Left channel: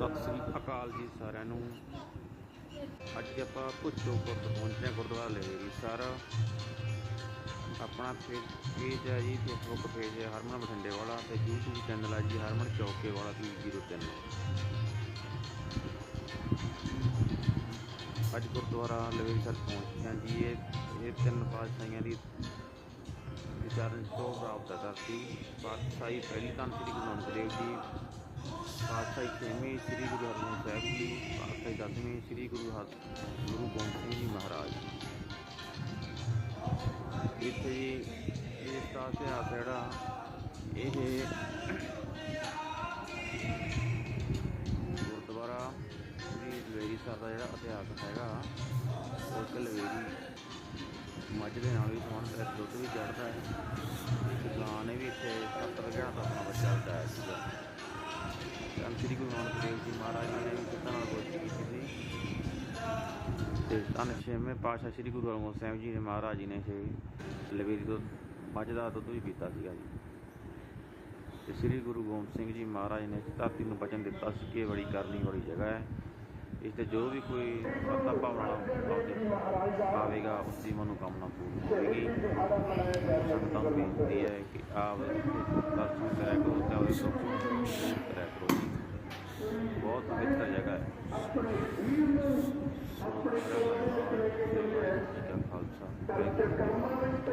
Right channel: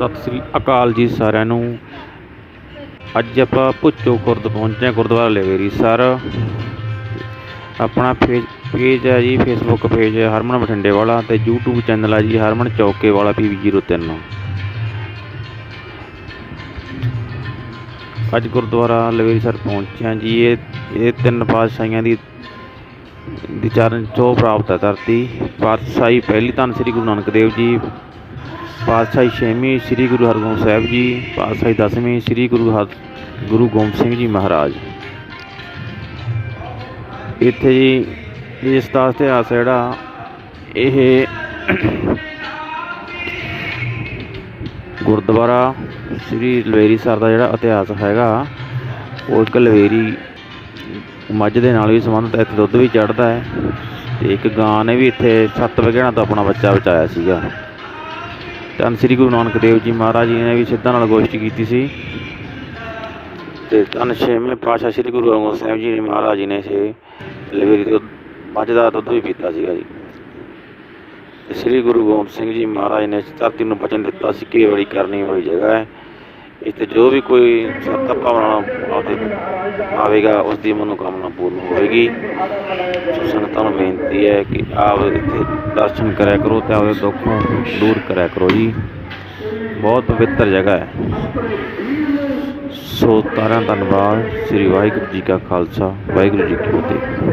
ਸਤਿ ਸ੍ਰੀ ਅਕਾਲ ਜੀ ਸਾਰਿਆਂ ਨੂੰ। ਅੱਜ ਆਪਾਂ ਭੁੱਚੋ ਖੁਰਦ ਪਹੁੰਚੇ ਹਾਂ, ਗੁਰਦੁਆਰਾ ਲਵੇਰੀ ਸਰ। ਆਪਣਾ ਫੇਜ ਪੇਜ ਹੈ ਜੀ ਫੇਸਬੁੱਕ ਪੇਜ ਹਰਮਨ ਬਠਿੰਡੇ ਵਾਲਾ ਤੇ YouTube ਚੈਨਲ ਹੈ ਜੀ ਹਰਮਨ ਚੌਕੇ ਵਾਲਾ PV03 ਅੱਜ ਗੁਰਦੁਆਰਾ ਲਵੇਰੀ ਸਰ ਪਹੁੰਚੇ ਹਾਂ ਜੀ। ਇਹ ਇਹ ਤਿੰਨ ਪਾਤਸ਼ਾਹੀਆਂ ਦੀ ਦੀ ਚਰਨ ਛੋਹ ਪ੍ਰਾਪਤ ਹੈ ਧਰਤੀ। ਪਾਤਸ਼ਾਹੀ ਪਹਿਲੀ ਧੰਨ ਸ੍ਰੀ ਗੁਰੂ ਨਾਨਕ ਦੇਵ ਜੀ ਪਾਤਸ਼ਾਹੀ ਛੇਵੀਂ ਸ੍ਰੀ ਗੁਰੂ ਹਰਗੋਬਿੰਦ ਸਾਹਿਬ ਜੀ, ਪਾਤਸ਼ਾਹੀ ਦਸਵੀਂ ਸ੍ਰੀ ਗੁਰੂ ਹਰ, ਗੁਰੂ ਗੋਬਿੰਦ ਸਿੰਘ ਜੀ ਮਹਾਰਾਜ। ਇੱਥੇ ਜੀ, ਇਸ ਦਾ ਇਤਿਹਾਸ ਜਿਹੜਾ, ਇਹ ਗੁਰਦੁਆਰਾ ਸ੍ਰੀ ਲਵੇਰੀ ਸਰ ਦਾ ਜਿਹੜਾ ਇਤਿਹਾਸ ਹੈਗਾ, ਉਹ ਇੱਕ ਲਵੇਰੀ ਮੱਝ ਦੇ ਨਾਲ ਵੀ ਸੰਬੰਧਿਤ ਹੈ ਇੱਥੇ ਦੁੱਧ ਵੀ ਚੜਦਾ ਹੈ, ਤੇ ਇੱਕ ਗਾਂ ਨੇ ਵੀ ਇੱਥੇ ਸੱਤ ਵਗੇਣਾ ਤੋਂ ਆਪਣਾ ਬੱਚਾ ਬਚਾਇਆ ਸੀਗਾ। ਧੰਨ ਸ੍ਰੀ ਗੁਰੂ ਨਾਨਕ ਦੇਵ ਜੀ ਮਹਾਰਾਜ ਜੀ ਨੇ ਵੀ ਸਿੱਧਾਂ ਨਾਲ ਗੋਸ਼ਟੀ ਕੀਤੀ ਸੀ। ਤੇ ਧੰਨ ਛੇਵੇਂ ਪਾਤਸ਼ਾਹ ਸ੍ਰੀ ਗੁਰੂ ਹਰਗੋਬਿੰਦ ਸਾਹਿਬ ਜੀ ਨੇ ਮਹਾਰਾਜ ਜੀ ਨੇ ਸੇ ਲਵੇਰੀ ਤੋਂ ਮੱਝ ਦਾ ਦੁੱਧ ਵੀ ਪੀਤਾ ਸੀਗਾ ਜੀ। ਤੇ ਸ੍ਰੀ ਗੁਰੂ ਗੋਬਿੰਦ ਸਿੰਘ ਜੀ ਮਹਾਰਾਜ ਨੇ ਧਰਤੀ ਨੂੰ ਬਚਨ ਦਿੱਤਾ ਸੀ ਕਿ ਬੜੀ ਕਰਨੀ ਵਾਲੀ ਜਗ੍ਹਾ ਹੈ। ਇੱਥੇ ਜੋ ਵੀ ਕੋਈ ਸੱਤ ਭਾਵਨਾ ਆਪਦੇ ਆਵੇਗਾ ਉਸ ਦੀ ਮਨੋਕਾਮਨਾ ਪੂਰਨ ਹੋਵੇਗੀ। ਸੋ ਸੰਗਤਾਂ ਨੂੰ ਬੇਨਤੀ ਹੈ ਕਿ ਆਪ ਇੱਥੇ ਦਰਸ਼ਨ ਕਰਿਆ ਕਰੋ ਤੇ ਆਪਦੇ ਦੁੱਖੋਂ ਦੂਰ ਕਰਿਆ ਕਰੋ ਜੀ। ਬਹੁਤ ਪਵਿੱਤਰ ਜਗ੍ਹਾ ਹੈ। ਸੋ ਤਾਰਾਂ ਧੰਨਵਾਦ। ਸ੍ਰੀ ਵਾਹਿਗੁਰੂ ਜੀ ਕਾ ਖਾਲਸਾ, ਵਾਹਿਗੁਰੂ ਜੀ ਕੀ ਫਤਿਹ।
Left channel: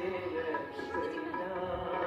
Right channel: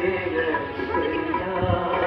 तेरे बिना